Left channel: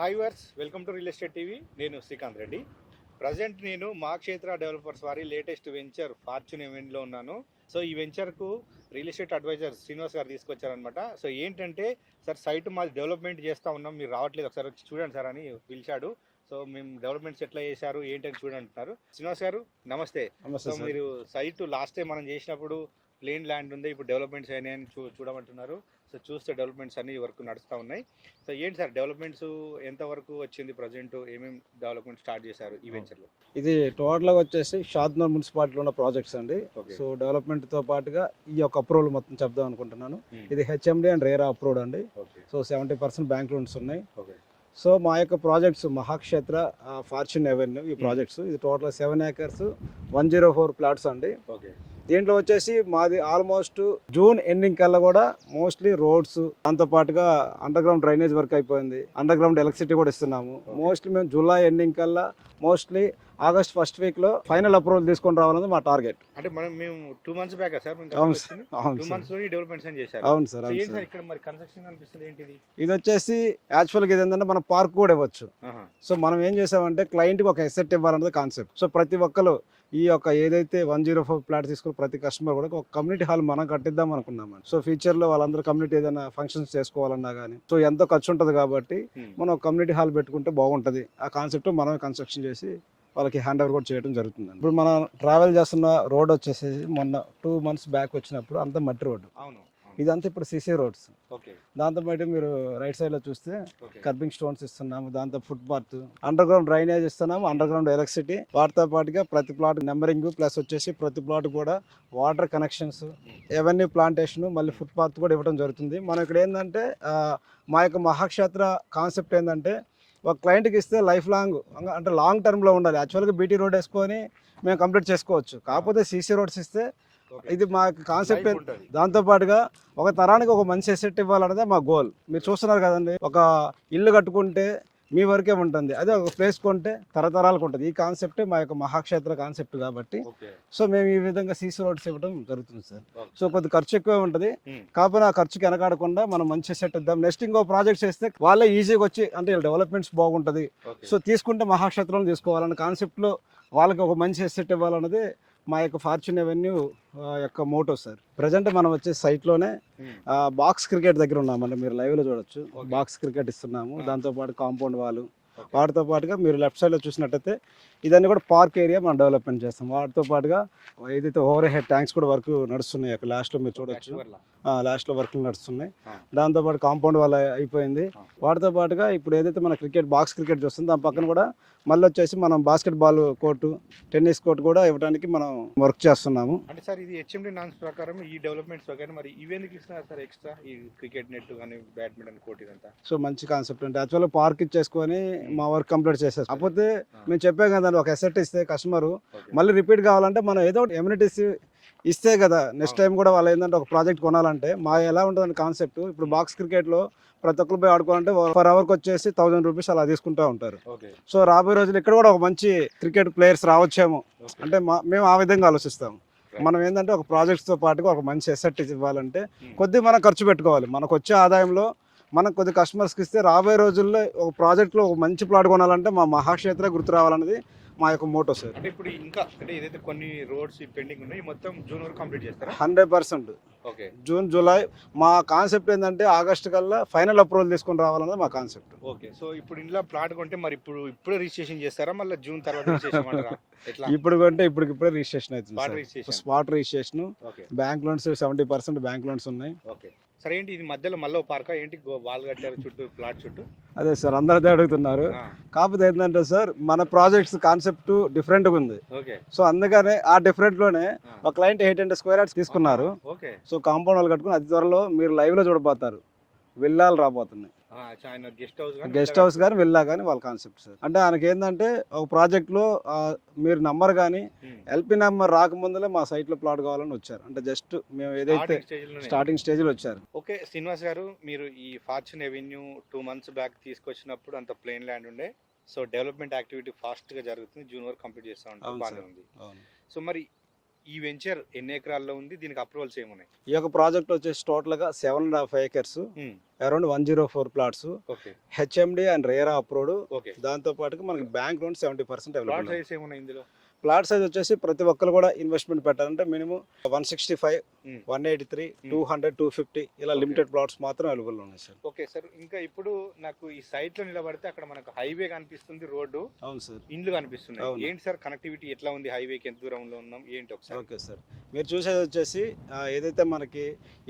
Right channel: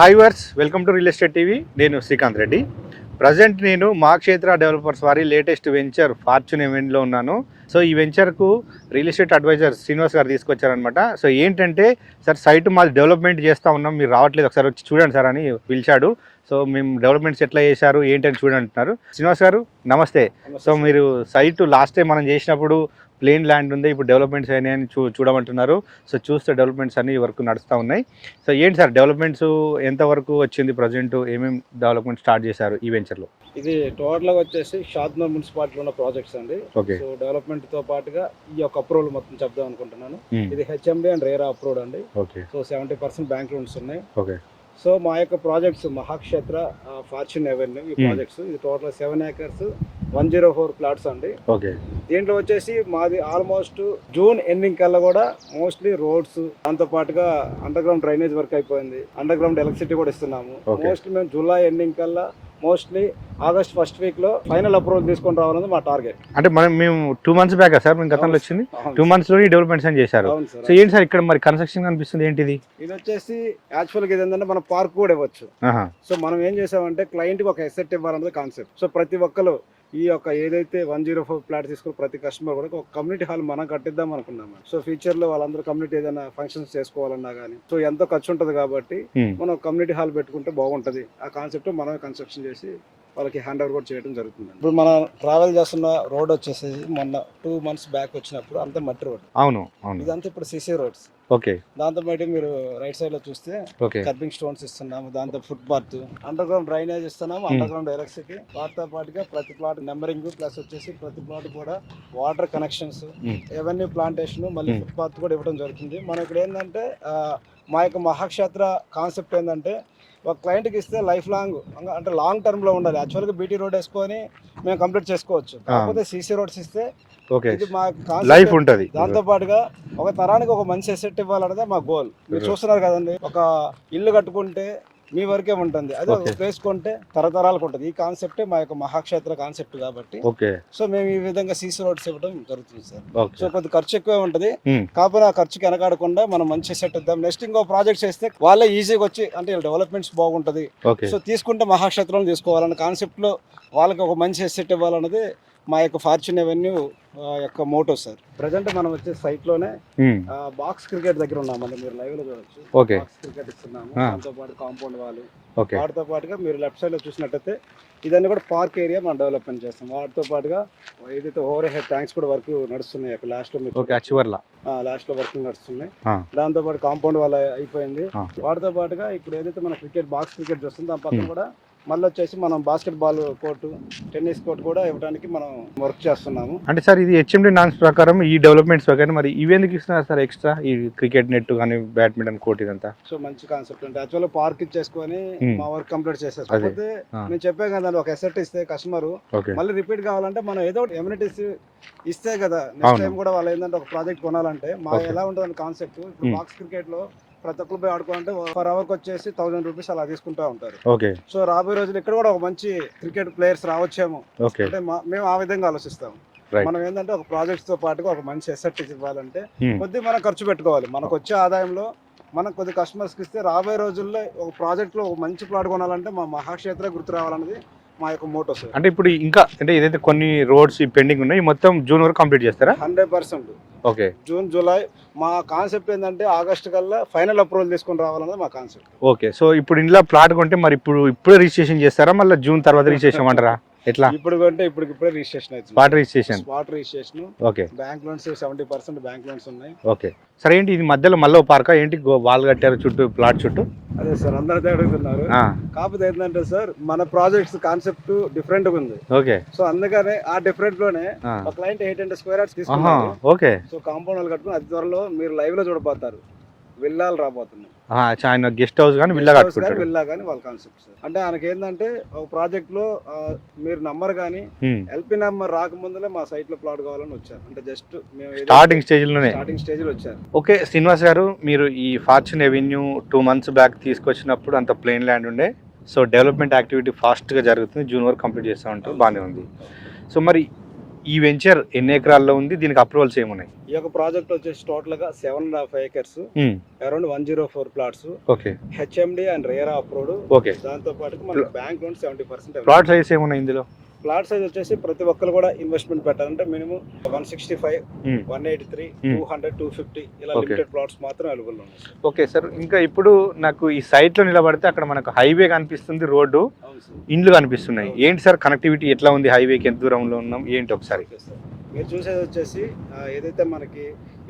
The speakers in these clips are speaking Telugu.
Hi viewers, welcome to real estate TV. నేను శ్రీకాంత్ రెడ్డి. ప్రజెంట్ నేను మా క్షేత్ర డెవలపర్స్ వారి లేటెస్ట్ వెంచర్ ఫార్చ్యూన్ ఈవెంట్లో ఉన్నాను. సో ఈ వెంచర్కు రియల్ ఎస్టేట్ అడ్వైజర్ శ్రీనివాస్ గారు తీసుకొచ్చారనమాట. సో ఏంటంటే, సార్ సైట్ మాది డెవలప్మెంట్ చేస్తూ ఉన్నాం, మీరు రావట్లేదు, ఒకసారి వచ్చి చూడండి సార్ అని పిలిచాడు. సో మేము డెవలప్మెంట్స్ ఎట్లా చేశారు ఏంటని చూడండి అంటున్నారు. శ్రీనివాస్ గారు నమస్తే. సో మీరు సైట్ లాస్ట్ టైం మనం చేసినప్పుడు ప్లేన్ ల్యాండ్ ఉంది, ఇప్పుడు డెవలప్మెంట్స్ అయినాయని చూడమంటున్నారు. సో చూస్తే డెవలప్మెంట్స్ అన్ని వరకు నడుస్తూ ఉన్నాయి. సో ఏంటి సార్ డెవలప్మెంట్స్ ఎంతవరకు వచ్చింది, ప్రజెంట్ ఏమేమి డెవలప్మెంట్ స్టార్ట్ చేశారు ఈ వెంచర్లో? ఇది టోటల్గా వచ్చేసి షాద్నగర్ మున్సిపాలిటీలో ఉన్న ప్రాజెక్ట్స్ అండి. సో డెవలప్మెంట్ తో పాటుగా ఈ యొక్క అప్రూవల్ మొత్తం చెప్దాం అనుకుంటున్నాను. ఇది హెచ్ఎండి అండ్ రేరా అప్రూవ్డ్ అండి. సో 70% బ్యాంక్ లోన్స్ ఉన్నాయి. సో మా యొక్క ప్రాజెక్ట్స్ మహాక్షేత్ర ఫార్చ్యూన్ ఎవెన్యూ ఈ ప్రాజెక్ట్స్, ఇది టోటల్ 7 acres 104 ప్లాట్స్ అండి. దీంట్లో వచ్చేసి మాది ఆల్మోస్ట్ జూన్ ఎండింగ్ కల్లా కూడా మోస్ట్లీ రోడ్స్, దాంతో పాటుగా అండర్ గ్రౌండ్ డ్రైనేజ్ వర్క్ అయిపోయింది, అండర్ గ్రౌండ్ ఎలక్ట్రిసిటీ కూడా ఇస్తున్నాము. మోస్ట్లీ మేము జూలై ఎండింగ్ కల్లా మోస్ట్లీ ఆగస్ట్ ఫస్ట్ వీక్ లో ఫైనల్ అప్రూవల్ తీసుకొని రావాలన్నది మా టార్గెట్. అంటే మేము 2 months బ్యాక్ సార్ మేము గతంలో వచ్చింది 2 months లో డెవలప్మెంట్స్ అని చేశారు. సో ఏంటి సార్ ఇక్కడ మరి కన్స్ట్రక్షన్ కనిపిస్తుంది ఏంటిది? ఇది వచ్చేసి యాక్చువల్గా ఇది ఏంటంటే మన పార్క్ కూడా ఇవ్వచ్చు. సో మనం ఏం చేసామంటే క్లయింట్ కి ఒక ఎసెట్ ఇవ్వాలన్నది కాన్సెప్ట్. సో ప్రతి ఒక్కరు ఈ యొక్క ఏదైతే 104 ప్లాట్ తీసుకుని ప్రతి కస్టమర్ కూడా ఒక కమ్యూనిటీ హాల్ మనం కట్టిద్దాం అనుకున్నాం. సో ఫ్యూచర్ లో వాళ్ళందరూ కమ్యూనిటీ ఏదైనా ఫంక్షన్స్ చేసుకోవాలన్నా గానీ సో ఎంతో ఖర్చు ఉంటది కాబట్టి మనం కమ్యూనిటీ హాల్ పెట్టుకుంటే బాగుంటది. ఆ కాన్సెప్ట్ మనమే కన్స్ట్రక్షన్ చేసి వాళ్ళకి హ్యాండ్ ఓవర్ కూడా చేయడం జరుగుతుంది. ఇప్పుడు మనం ట్రావెల్ చేస్తున్న రోడ్ వచ్చేసి మొన్న 2 months బ్యాక్ వచ్చినప్పుడు అంతా మట్టి రోడ్. అవును, ఇదంతా ఇప్పుడు సిసి రోడ్స్. ఓకే. దాంతో పాటు మీరు రైట్ సైడ్ లో చూస్తే కర్బింగ్ స్టోన్స్ ఇస్తున్నాము, దాంతో foot path, under ground drainage ఇస్తున్నాము, అండర్ గ్రౌండ్ ఎలక్ట్రిసిటీ, వాటితో పాటుగా ప్రతి ప్లాట్ నెంబరింగ్ ప్లస్ వచ్చేసి ప్రతి ప్లాట్ కూడా వాటర్ కనెక్షన్స్, ఎవెన్యూ ప్లాంటేషన్, మళ్ళీ ఫుట్ పాత్ కూడా ఇవ్వడం జరుగుతుంది. మనం ఇక్కడ ఏంటంటే మా యొక్క మహాక్షేత్ర కాన్సెప్ట్ ఏంటంటే ఒక క్లయింట్కి ఇస్తే లైఫ్ లాంగ్ అంటే లాంగ్ టర్మ్ లో ఉండాలి. యాక్చువల్గా బీటీ రోడ్ వేసుకొని మేము కంప్లీట్ చేసుకోవచ్చు, కాకపోతే సీసీ రోడ్స్ ఇస్తే ఇది మా లైఫ్ ఉంటది. దాంతో పాటుగా ఒక తరానికి ఒక మంచి ఎసెట్ ఇవ్వాలన్నదే మా గోల్. మీరు చూస్తున్నారు కదండి, ఒక ఇల్లు కట్టుకుంటే మీ వరకే ఉంటుంది, అదే ఒక ప్లేస్ కొంటే తరతరాలకు ఉంటుంది. ఈ కాన్సెప్ట్ మా యొక్క మహాక్షేత్ర కాన్సెప్ట్ కాబట్టి సో మేము ఈ విధంగా సీసీ రోడ్స్ ఇవ్వడం జరుగుతుంది సార్. సో కొంత ఖర్చు ఎక్కువ ఉంటుంది, కాకపోతే ఆ ఖర్చుకి వెనకాడకుండా మనం మంచి సెట్ ఇద్దాం. నెక్స్ట్ ఇంకో ప్రాజెక్ట్ చేస్తే వాళ్ళే ఈజీగా వచ్చి అంటే డెవలప్మెంట్స్ బాగుంటది, సో తీసుకుంటే మహాక్షేత్రం తీసుకోవాలన్న కాన్సెప్ట్ లో వాళ్ళకి ఒక మంచి ఎసెట్ ఇవ్వాలన్నది మా యొక్క ఫార్చ్యూన్ ఎవెన్యూ యొక్క మోటో సార్. ప్రెసెంట్ మనం వచ్చే సైట్ లోనే బాక్స్ క్రికెట్ దగ్గర ఉన్నామండి, మీరు లైవ్ లో చూడొచ్చు. బాక్స్ క్రికెట్ ఇస్తున్నాము, దాంతో పాటు కాంపౌండ్ వాళ్ళు, వాటితో పాటుగా మీరు లెఫ్ట్ సైడ్ లో చూసినట్టయితే ఇదన్నీ కూడా పార్క్ ఏరియా మనం డెవలప్మెంట్ చేస్తాం. వాటితో పాటుగా ఏదైతే ఓవర్ హెడ్ ట్యాంక్స్ కూడా వర్క్ నడుస్తున్నాయి లాస్ట్ లో, లాస్ట్ లో వర్క్ నడుస్తున్నాయి. దాంతో పాటు కాంపౌండ్ వాళ్ళ అయిపోయింది. వాటితో పాటుగా ఇప్పుడు ఏదైతే మన క్రికెట్ బాక్స్ క్రికెట్ చూస్తుందో దాని పక్కన కూడా మళ్ళీ వచ్చేసి మనం basket ball court, tennis court కూడా ఇవ్వడానికి మనం వర్క్ చేస్తున్నాము. అంటే సార్ ఇది హెచ్ఎండి నామ్స్ ప్రకారం ఈ డెవలప్మెంట్స్ ప్రకారం మరి ఇవి ఎందుకు ఇస్తున్నారు సార్ ఎక్స్ట్రా, ఈ క్రికెట్ నెట్ కానీ బ్యాడ్మింటన్ కోర్ట్ ఇదంతా? సో మంచి కాన్సెప్ట్ అంటే యాక్చువల్గా పార్క్ ఇచ్చేసుకొని మా వర్క్ కంప్లీట్ చేసేస్తాం. కాకపోతే మేము చెప్పే కదా ఒక ఎసెట్ ఇస్తే కస్టమర్ మళ్ళీ రిపీట్ కావాలంటే మనం ఏదో ఒకటి ఎమ్యూనిటీస్ ఇస్తే కదా నెక్స్ట్ టైం కూడా వాళ్ళు ఏంటంటే ఒక ప్రాజెక్ట్ కొనాలంటే మా ఎలా ఉంటుంది కాన్సెప్ట్. ఇప్పుడు బాక్స్ క్రికెట్ లో ప్రతి ఒక్కరు పోయి ఆడుకోవాలంటే పర్ అవర్ కి వచ్చేసి 1000 రూపీస్ అలా తీసుకుంటూ ఉంటారు. సో రాబోయే రోజులు ఇక్కడ కూడా ఒక మంచి క్రికెట్ ప్లేయర్స్ రావచ్చేమో అంటే మేము ఆ విధంగా ఆలోచిస్తాం. మనం ఏంటంటే ఒక ప్రాజెక్ట్స్ తో పాటుగా ఒక మంచి ఎసెట్ ఇవ్వాలంటే కొద్దిగా మనం ఖర్చు పెట్టుకోవాలి. మనకు వచ్చే ఆదాయంలో మనకు కొద్ది కస్టమర్స్ కి ఇస్తే రాబోయే రోజుల్లో ఒక ప్రాజెక్ట్ లో ఒక మంచి ప్లాట్ కొనాలంటే మా మహాక్షేత్ర గుర్తు రావాలన్నది మా యొక్క మోటో సార్. అంటే ఇప్పుడు ఇంకా అంటే ఏదైతే కొన్ని రోడ్స్ పెండింగ్ ఉన్నాయి మొత్తం జూన్ వరకు కంప్లీట్ చేస్తారా? 100%. ఓకే. జూన్ జూలై మా కాన్సెప్ట్ ఏంటంటే ఆగస్ట్ కల్లా ఫైనల్ అప్రూవల్ తీసుకొని రావాలన్నది మా కాన్సెప్ట్. ఓకే. సో ఇప్పుడు ఇంట్లో ప్లాట్ కొంటే మరి ఇప్పుడే రిజిస్ట్రేషన్ చేస్తారా, మళ్ళీ జూన్ తర్వాత రిజిస్ట్రేషన్ అంటారా? ఎట్లా? ఇప్పుడు కొంటే ఇప్పుడే రిజిస్ట్రేషన్ అవుతుంది. Spot registration. Okay. Bank loans 70% bank loans ఉన్నాయి. ఓకే. సరే ఏంటి ఇది మధ్యలో మళ్ళీ పార్కా ఏంటి వాల్ కట్టారు చుట్టూ ప్లాట్ చుట్టూ? అదే సార్ అందరితో అడుగుతున్నారు. కాకపోతే ఏంటంటే సార్ మన ప్రాజెక్ట్స్ కాన్సెప్ట్ డిఫరెంట్ గా ఉంది. ఓకే. సో అందుకనే ఆ డిఫరెంట్ లోనే ఒక క్లయింట్ 800 స్క్వేర్ యార్డ్స్ తీసుకున్నారు. ఓకే. సో కాంపౌండ్ వాళ్ళు కట్టుకుని అతి త్వరలో మీరు లైవ్ లో చూడబోతారు, విల్లాలు రాబోతున్నాయి. ఆయన గెస్ట్ హౌస్ కానీ విల్లా కానీ వాళ్ళ కాన్సెప్ట్ సార్. అంటే ఆయనకి ఏంటంటే ఒక ప్రాజెక్ట్ లో మీరు నంబర్ కానీ ఎల్పీ నంబర్ రాకముందులే మా సైట్ లో ప్లాట్ కావాలని వచ్చారు. అంటే జస్ట్ మేము స్టార్టింగ్ స్టేజ్ లో వచ్చారు. ఓకే. శ్రీనివాస్ గారు, మీరు ఈ ఫార్చ్యూన్ ఎవెన్యూ 2 months బ్యాక్ తీసుకొచ్చినప్పుడు అంత ప్లేన్ ల్యాండ్ ఉండే. సో డెవలప్మెంట్ యాక్టివిటీ ఫాస్ట్ గా జరుగుతుంది, జూన్ వరకు కంప్లీట్ చేస్తూ ఉంటాం, బాగానే ఉంది. సో మరి ఈ వెంచర్ ఎన్ని ఎకరాల్లో ఉంది, దీనికి అప్రూవల్స్ ఏమున్నాయి? ఈ యొక్క ప్రాజెక్ట్ వచ్చేసి టోటల్ గా 7.5 acres, around 104 plots, okay HMD and RERA approved. Okay. దాంతో పాటు మనకి బ్యాంక్ లోన్ 70%. ప్లాట్ సైజ్ ఏమున్నాయి ఇందులో? ప్లాట్ సైజ్ వచ్చేసి ప్రతి ఒక్కరు కూడా ఇన్వెస్ట్మెంట్ పెట్టాలంటే మినిమం 165, 183, 200, 250 ఇలా Okay. లిమిటెడ్ ప్లాట్స్ మాత్రం అవైలబుల్ ఉన్నాయి సార్. ఓకే సార్, ఇంకా ఇప్పుడు నాకు ఈ సైట్ లో నిలబడితే అక్కడ మనకు హైవే కనిపిస్తుంది, రోడ్డు, అవును సార్. ఇండ్లు కనిపిస్తున్నాయి. ఏంటి సార్ కనెక్టివిటీ ఎట్లా ఉంది, హైవేకి ఎంత దూరంలో ఉన్నాం ఏంటి ఒకసారి? ఓకే సార్, మీరు చూసేది వచ్చేసి ఏదైతే మనకి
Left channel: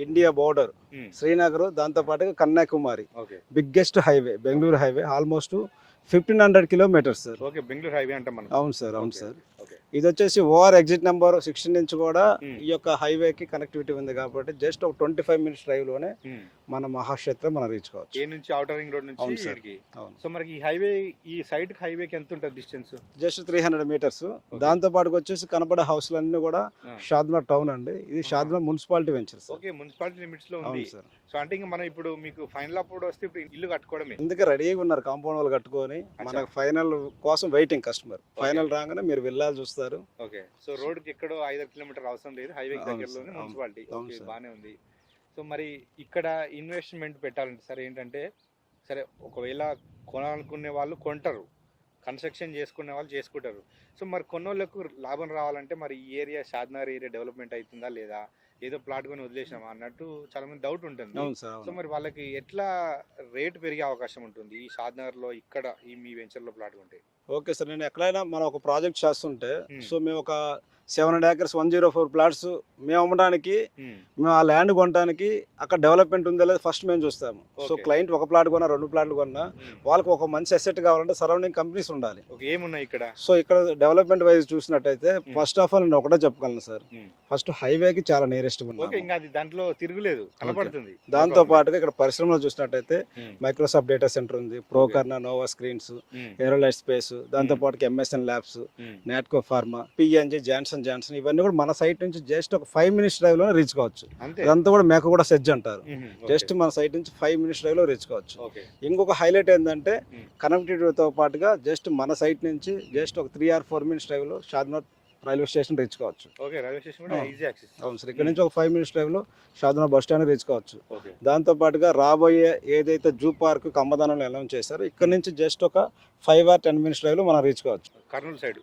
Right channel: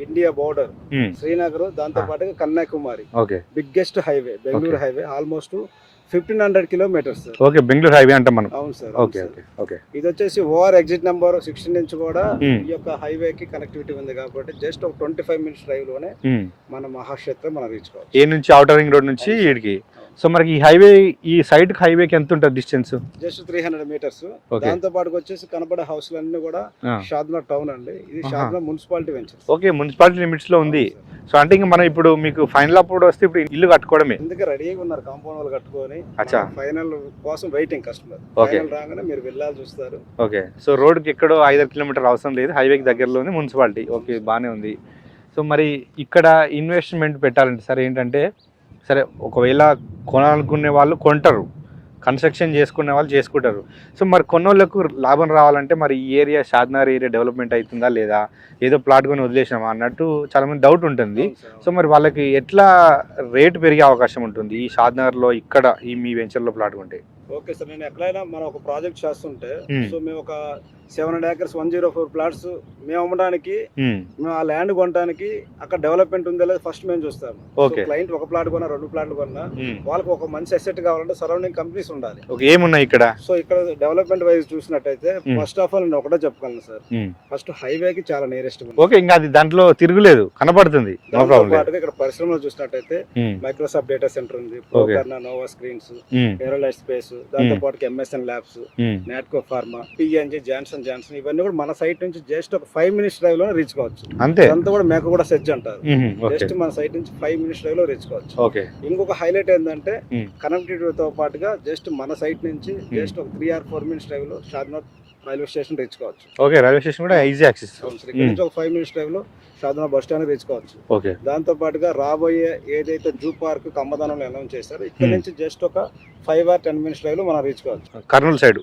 ఇండియా బోర్డర్ శ్రీనగర్, దాంతో పాటు Kanyakumari okay biggest highway, Bengaluru highway, almost 1500 kilometers sir. Okay, Bengaluru highway అంటాం మనం. అవును సార్. Okay okay okay. ఇది వచ్చేసి ఓఆర్ ఎగ్జిట్ నెంబర్ 16 నుంచి కూడా ఈ యొక్క హైవే కి కనెక్టివిటీ ఉంది కాబట్టి జస్ట్ ఒక 25 minutes డ్రైవ్ లోనే మన మహాక్షేత్రం మనం రీచ్ కావచ్చు. ఏ నుంచి ఔటర్ రింగ్ రోడ్ నుంచి ఇడికి. సో మనకి ఈ హైవే, ఈ సైడ్ హైవేకి ఎంత ఉంటుంది డిస్టెన్స్? Just 300 meters. దాంతో పాటు వచ్చేసి కనపడే హౌస్ అన్ని కూడా షాద్నగర్ టౌన్ అండి. ఇది Shadnagar municipality venture. Okay, municipality limits లో ఉంది. సో అంటే ఇంకా మనం ఇప్పుడు మీకు ఫైనల్ అప్పుడు వస్తే ఇప్పుడు ఇల్లు కట్టుకోవడమే. ఎందుకు రెడీగా ఉన్నారు, కాంపౌండ్ వాళ్ళు కట్టుకొని ఫైనల్ కోసం వెయిటింగ్ కస్టమర్. ఫైనల్ రాగానే మీరు వెళ్ళాలి చూస్తారు. ఓకే, సో రోడ్కి ఎక్కడో 5 kilometers అవసరం లేదు, హైవేకి దగ్గరలో ఉంది మున్సిపాలిటీ. ఓకే, బాగానే ఉంది. సో మరి ఇక్కడ ఇన్వెస్ట్మెంట్ పెట్టాలంటే సరే ఏంటంటే, సరే ఒకవేళ కొనాలనుకునే వాళ్ళు కొంటారు, కన్స్ట్రక్షన్ చేసుకునే వాళ్ళు చేసుకుంటారు. సో మరి కొన్నోళ్ళకు లాభం రావాలంటే మరి ఈ ఏరియా, షాద్నగర్ ఏరియా డెవలప్మెంట్ అవుతుందా లేదా, ఏదో ప్లాట్ కొని వదిలేసినామా అన్నట్టు చాలా మంది డౌట్ ఉంటుంది. సో మరి వాళ్ళకి ఎట్లా రేట్ పెరిగే అవకాశం ఉంటుంది ఈ షాద్నగర్లో, ఇక్కడ ఈ మీ వెంచర్లో ప్లాట్ కొంటే? ఓకే సార్, నేను ఎక్కడైనా మనం ఒక ప్రాజెక్ట్ చేస్తుంటే సో మేము ఒక 700 acres 104 plots మేము అమ్మడానికి, మేము ఆ ల్యాండ్ కొనడానికి అక్కడ డెవలప్మెంట్ ఉందో లేదో ఫస్ట్ మేము చూస్తాము. క్లయింట్ ఒక ప్లాట్ కొన్నా, 2 ప్లాట్లు కొన్నా, వాళ్ళకి ఒక మంచి అసెట్ కావాలంటే సరౌండింగ్ కంపెనీస్ ఉండాలి. ఏమున్నాయి ఇక్కడ? సో ఇక్కడ డెవలప్మెంట్ వైజ్ చూసినట్టయితే ఫస్ట్ ఆఫ్ ఆల్ నేను ఒకటే చెప్పగలను సార్, ఫస్ట్ హైవే కి చాలా నియరెస్ట్. ఓకే, ఇంకా అది దాంట్లో తిరుగులేదు, కనపడుతుంది. దాంతో పాటుగా ఇక్కడ పరిశ్రమలో చూసినట్టయితే మైక్రోసాఫ్ట్ డేటా సెంటర్ ఉంది, ప్రోకర్నా, నోవా స్క్రీన్స్, ఏరోలైట్ స్పేస్, దాంతో పాటు MSN labs, Natco pharma, PNG, Johnson ఇవన్నీ కూడా మన సైట్ నుంచి జస్ట్ ఒక 5 minutes డ్రైవ్ లో రీచ్ కావచ్చు. అంతే, అంతా కూడా మేక కూడా సెజ్ అంటారు. జస్ట్ మన సైట్ నుంచి 5 minutes డ్రైవ్ లో రీచ్ కావచ్చు. ఇంకొక హైలైట్ ఏంటంటే కనెక్టివిటీ తో పాటుగా జస్ట్ మన సైట్ నుంచి జస్ట్ ఒక 3 or 4 minutes డ్రైవ్ లో షాద్నగర్ రైల్వే స్టేషన్ రీచ్ కావచ్చు. ఓకే, రైల్వే స్టేషన్ కూడా ఈజీ యాక్సెస్. ఇక్కడ నుంచి ఒక 5 minutes డ్రైవ్ లో షాద్నగర్ బస్ స్టాండ్ రీచ్ కావచ్చు. దాంతో పాటుగా రాబోయే ఏదైతే జూ పార్క్ కమ్మదానంలో అనౌన్స్ చేశారో ఇక్కడ నుంచి జస్ట్ ఒక 5 or 10 minutes డ్రైవ్ లో మనం రీచ్ కావచ్చు. కర్నూలు సైడ్.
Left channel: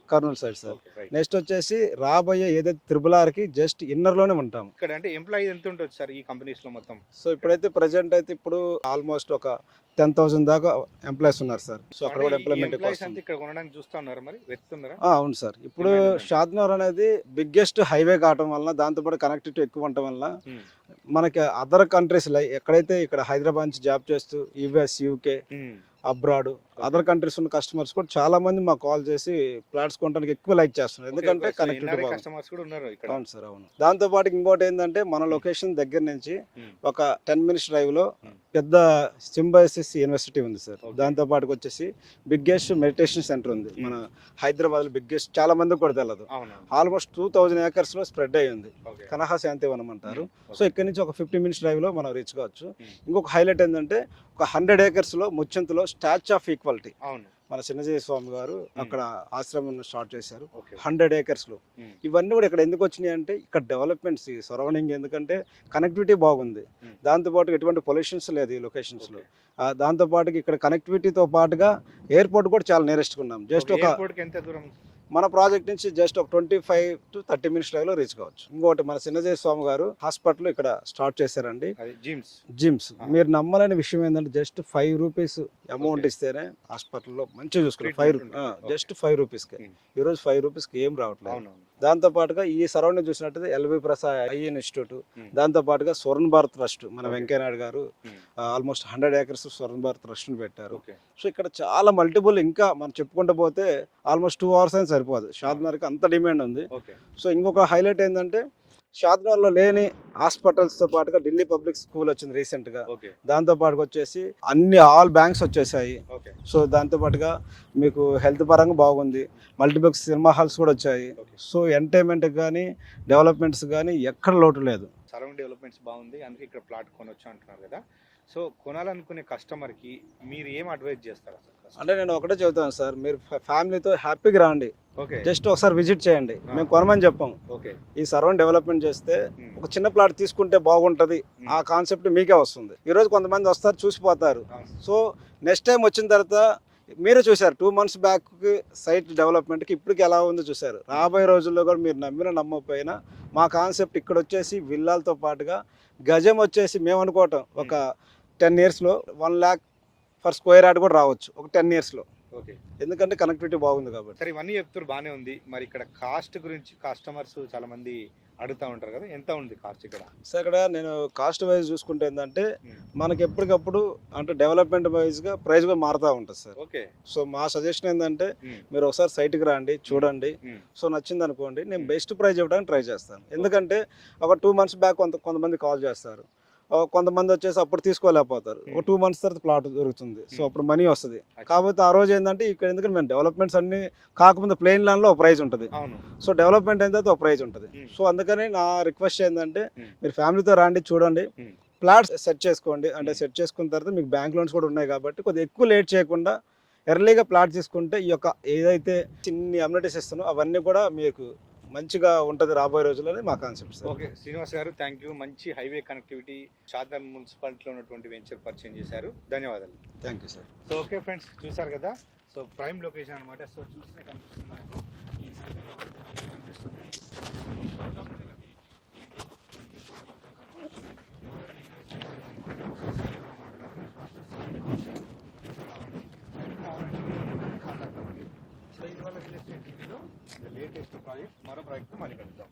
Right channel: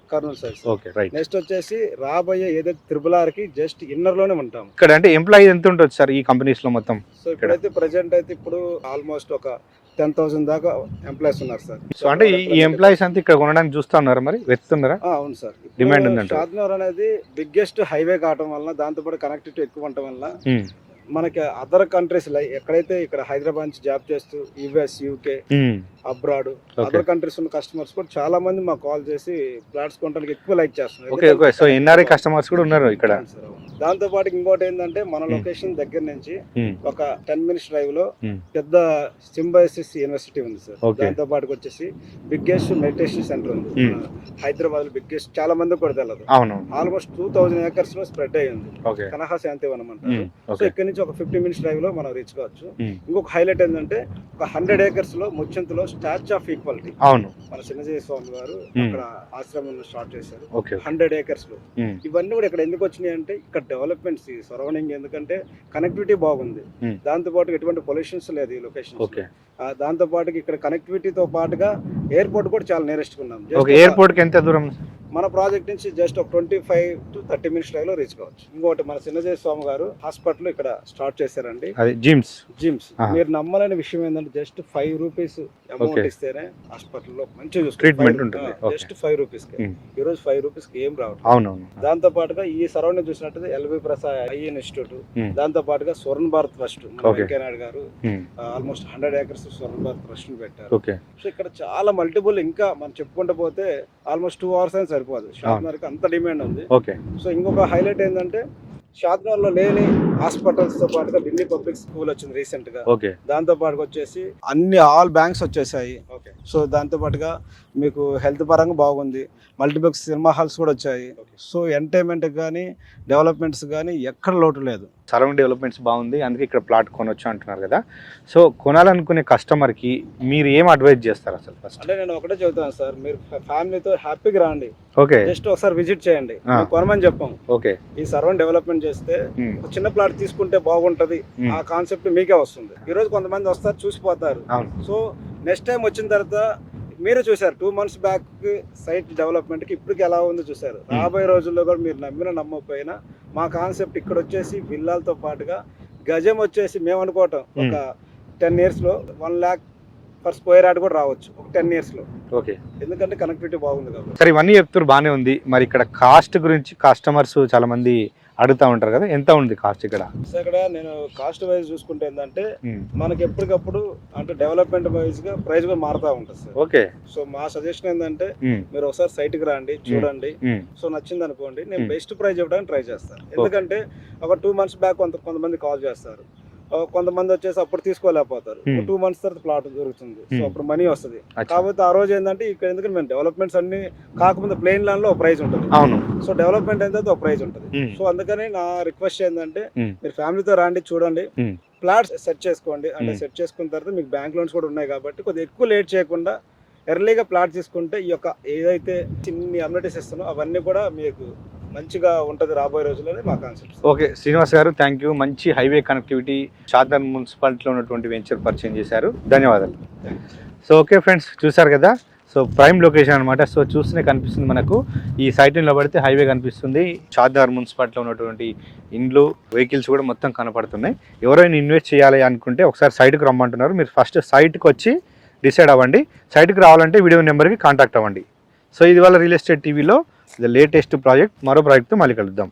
నెక్స్ట్ వచ్చేసి రాబోయే ఏదైతే RRR కి జస్ట్ ఇన్నర్ లోనే ఉంటాం. ఇక్కడ అంటే ఎంప్లాయీ ఎంత ఉంటుంది సార్ ఈ కంపెనీస్ లో మొత్తం? సో ఇప్పుడైతే ప్రెసెంట్ అయితే ఇప్పుడు ఆల్మోస్ట్ ఒక 10,000 దాకా ఎంప్లాయీస్ ఉన్నారు సార్. సో అంటే ఈ ఎంప్లాయీస్ అంతా ఇక్కడ కొనడానికి చూస్తా ఉన్నారు, మరి వెతుకుతున్నారా? అవును సార్, డిమాండ్ ఉందంట. షాద్నగర్ అనేది బిగ్గెస్ట్ హైవే కావడం వల్ల, దాంతో పాటు కనెక్టివిటీ ఎక్కువ ఉండటం వల్ల మనకి అదర్ కంట్రీస్ ఎక్కడైతే ఇక్కడ హైదరాబాద్ నుంచి జాబ్ చేస్తూ US, UK, abroad, other countries ఉన్న కస్టమర్స్ కూడా చాలా మంది మాకు కాల్ చేసి ప్లాట్స్ కొనడానికి ఎక్కువ లైక్ చేస్తున్నారు. సో ఎన్ఆర్ఐ కస్టమర్స్ కూడా ఉన్నారు ఇక్కడ. దాంతో పాటు ఇంకోటి ఏంటంటే మన లొకేషన్ దగ్గర నుంచి ఒక 10 minutes డ్రైవ్ లో పెద్ద సింబైసిస్ యూనివర్సిటీ ఉంది సార్. దాంతో పాటు వచ్చేసి బిగ్గెస్ట్ మెడిటేషన్ సెంటర్ ఉంది హైదరాబాద్ లో, బిగ్గెస్ట్, చాలా మంది కూడా తెలియదు. ఆల్మోస్ట్ 2000 acres లో స్ప్రెడ్ అయ్యింది, కనహ శాంతివనం అంటారు. సో ఇక్కడ నుంచి ఒక 50 minutes డ్రైవ్ లో మనం రీచ్ కావచ్చు. ఇంకొక హైలైట్ ఏంటంటే ఒక 100 acres లో ముచ్చింతలో స్టాచ్యూ ఆఫ్ ఈక్వాలిటీ, అవును, మన చిన్నజీవి స్వామి గారు అక్కడ ఆశ్రమం స్టార్ట్ చేశారు 100 acres లో. ఇవన్నీ కూడా ఇక్కడ ఎందుకు వచ్చినాయి అంటే ఇక్కడ డెవలప్మెంట్స్ సరౌండింగ్, ఎందుకంటే కనెక్టివిటీ బాగుంది, దాంతో పాటు ఎటువంటి పొల్యూషన్స్ లేదు ఈ లొకేషన్. దాంతో పాటు ఇక్కడ కనెక్టివిటీతో పాటుగా ఎయిర్పోర్ట్ కూడా చాలా నియరెస్ట్ ఉన్నాం. ఎయిర్పోర్ట్ కి ఎంత దూరం? మన ప్రాజెక్ట్ నుంచి జస్ట్ ఒక 25 to 30 minutes డ్రైవ్ లో రీచ్ కావచ్చు. ఇంకోటి మన చిన్నజీవి స్వామి గారు హాస్పిటల్ ఇక్కడ స్టార్ట్ చేశారండి, జిమ్స్. మీరు నమ్మాలని విషయం ఏంటంటే జస్ట్ 5 rupees అమౌంట్ ఇస్తేనే హాస్పిటల్లో మంచిగా ట్రీట్మెంట్ ఉంటుంది. జస్ట్ 5 rupees కి ఈ రోజు 5 rupees కి ఏం రావట్లేదు. దాంతో పాటుగా ఈ సరౌండింగ్ చూసినట్టు ఎల్వి ప్రసాద్ ఐ ఇన్స్టిట్యూట్, దాంతో పాటుగా స్వర్ణ భారత్ ట్రస్ట్, మన వెంకయ్య నాయుడు గారు ఆల్మోస్ట్ 100 acres స్వర్ణ భారత్ ట్రస్ట్ ని పెట్టారు. సో ఇక్కడ చాలా మల్టిపుల్, ఇంకా మనం చెప్పుకుంటూ పోతే ఆల్మోస్ట్ 2 hours అని సరిపోదు. షాద్నగర్ కి అంత డిమాండ్ ఉంది. సో ఇంకొక హైలైట్ ఏంటంటే షాద్నగర్ లో లేని హాస్పిటల్స్ తో పాటుగా ఢిల్లీ పబ్లిక్ స్కూల్ వచ్చింది రీసెంట్ గా. దాంతో పాటుగా వచ్చేసి అన్ని ఆల్ బ్యాంక్స్ వచ్చేసాయి. సో దాంతో పాటుగా మీకు హెల్త్ పరంగా బాగుంది, మల్టీప్లెక్స్ సినిమా హాల్స్ కూడా వచ్చాయి. సో ఎంటర్టైన్మెంట్ కానీ డెవలప్మెంట్స్ కానీ ఎక్కడ లోటు లేదు. సరౌండింగ్ డెవలప్మెంట్స్ బాగుంది, అందుకే ఇక్కడ ప్లాట్ కొనొచ్చు అంటున్నారు కదా. సో కొనాలనుకునే కస్టమర్కి మీరు ఏం అడ్వైజ్ చేస్తారు అసలు? అంటే నేను ఒకటే చెబుతాను సార్, మీరు ఫ్యామిలీతో హ్యాపీగా రండి, ఓకే జస్ట్ ఒకసారి విజిట్ చేయండి, మేము కొనమని చెప్పాం. ఓకే ఈ సరౌండ్ డెవలప్మెంట్ చేస్తే ఒక చిన్న ప్లాట్ తీసుకుంటే బాగుంటది, ఆ కాన్సెప్ట్ మీకే వస్తుంది. ఈ రోజు కొంతమంది వస్తారు చూసిపోతారు. సో నెక్స్ట్ టైం వచ్చిన తర్వాత మీరే చూసారు 2 months బ్యాక్ సైట్ డెవలప్మెంట్ కి ఇప్పటికి ఎలా ఉందో చూసారు. రాబోయే రోజుల్లో కూడా మీరు నమ్మినా నమ్మకపోయినా మా కాన్సెప్ట్ ఇక్కడ వచ్చేసి విల్లాలతో పాటుగా గజం వచ్చేసి మేము అనుకోవటం ఒక 10 years లో 1 lakh per square yard కూడా రావచ్చు ఒక 10 years లో. ఓకే, ఎందుకంటే కనెక్టివిటీ బాగుంది కాబట్టి. సరే ఇవన్నీ చెప్తారు బాగానే ఉంది. మరి ఇక్కడ కాస్ట్ గురించి కస్టమర్స్ చాలా మంది అడుగుతా ఉంటారు కదా, ఎంత ఉంది కాస్ట్ ఇక్కడ? సో ఇక్కడ నేను కాస్ట్ వైజ్ చూసుకుంటే ఏంటంటే మనకి ఎప్పటికప్పుడు అంటే డెవలప్మెంట్ వైజ్ గా ప్రైస్ కూడా మారుతా ఉంటుంది సార్. ఓకే, సో మా సజెషన్ ఏంటంటే మీరు ఒకసారి సైట్ కి రండి, చూడండి. సో నచ్చింది అనుకోండి, నేను బెస్ట్ ప్రైస్ ఇవ్వడానికి ట్రై చేస్తాను. ఎందుకంటే ఒక 2 months బ్యాక్ కొంతమంది కాల్ చేస్తారు, కొంతమంది వచ్చేసి అప్పుడు తీసుకోలేకపోతారు. 2 months తర్వాత ప్లాట్ దొరుకుతుంది, సో అప్పుడు మనీ వస్తుంది. కాకపోతే ఆ రోజు ఏంటంటే ఇక్కడ ఎందుకంటే మేము డెవలప్మెంట్స్ అన్ని కాకపోతే ప్లెయిన్ ల్యాండ్ లో ఒక ప్రైస్ ఉంటుంది, సో డెవలప్మెంట్ అయితే ఒక ప్రైస్ ఉంటుంది. సో అందుకని నా రిక్వెస్ట్ ఏంటంటే మీరు ఫ్యామిలీతో రండి, చూడండి, ప్లాట్స్ సెట్ చేసుకోండి. అంటే సెట్ చేసుకున్న తర్వాత మీకు బ్యాంక్ లోన్స్ కూడా ఉన్నాయి కాబట్టి కొద్దిగా ఎక్కువ లేట్ చేయకుండా ఎర్లీగా ప్లాట్ తీసుకుంటే ఈ యొక్క ఏదైతే చిన్ని అమ్యూనిటీస్ ఇస్తానో అవన్నీ కూడా మీకు మంచిగా ఉంటుంది రాబోయే రోజుల్లోనే మా కాన్సెప్ట్. ఓకే శ్రీనివాస్ గారు, థ్యాంక్ యూ. మంచి హైవే కనెక్టివిటీ షాద్నగర్ మున్సిపాలిటీలో ఉన్నటువంటి వెంచర్ పరిచయం చేశారు, ధన్యవాదాలు. సో ఓకే ఫ్రెండ్స్, చూసారు కదా, సో ప్రైమ్ లొకేషన్ అనమాట. సో చూస్తూనే కనిపిస్తుంది మనకు, ఈ సైట్ నిలబడితే హైవే కనిపిస్తుంది, షాద్నగర్ మున్సిపాలిటీలో ఉన్నటువంటి ఇండ్లు, వెహికల్స్ కూడా మొత్తం కనపడుతున్నాయి. ఎవరైనా ఇన్వెస్ట్ చేయాలి అనుకుంటే ఒకసారి సైట్కి రమ్మంటున్నారు. మీరు ఫస్ట్ సైట్కి వచ్చి డిసైడ్ అవ్వండి. సైట్కి రావాలంటే వీడియో నెంబర్కి కాంటాక్ట్ అవ్వండి. సో ఇది వాళ్ళ రియల్ ఎస్టేట్ టీవీలో లేటెస్ట్ ప్రాజెక్ట్, మరో ప్రాజెక్ట్తో మళ్ళీ కలుద్దాం.